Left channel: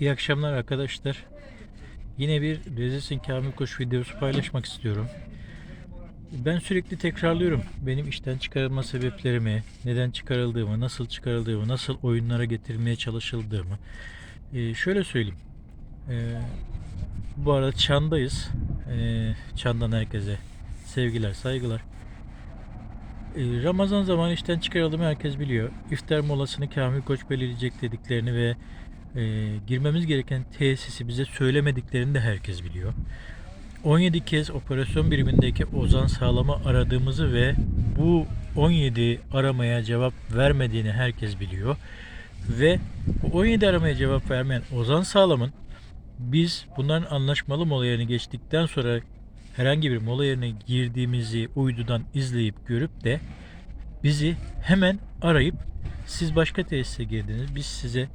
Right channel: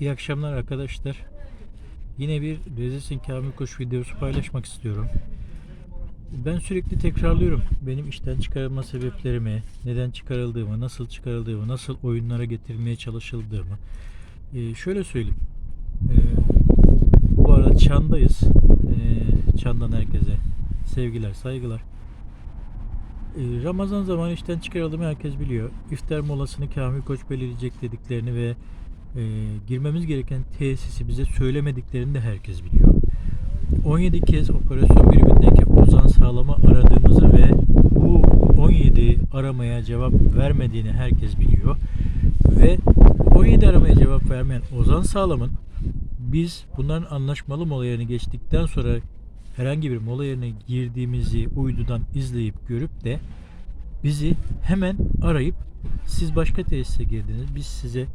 İyi akşamlar arkadaşlar. Yine bir Rezilsin Kamil Koç videosu paylaşmak istiyorum. Ben sürekli tekrarlıyorum. Benim işten çıkarılma sebeplerimi, neden çıkarıldığımı, nasıl çıkarıldığımı, nasıl oyunlara getirilmeye çalışıldığımı. Ee, şöyle söyleyeyim. Ee, bu arada Çan'dayız. Ee, Çan'dan herkese sevgiler, saygılar. Ee, Ramazan zamanı işten çıkarıldığımı herkes biliyor. İftar molasını Kamil Koç belirleyecek dediklerini ve e, girmemiz gereken tesisi bize söylemediklerini de herkes biliyor. 17 kez operasyon birimindeki Ozan Sağlam'ı aradığımızı ve bu 17 aramaya cevap vermediğini herkes biliyor. Ve bu 17 aramaya cevap vermeyen Ozan Sağlam'ın biz bunların anlaşmalı mola yerine geçtikten sonra herhangi bir mola yerine girdiğimizi uydudan izleyip görüp de bizi hemen arayıp siz başka tesise girdiniz. Biz size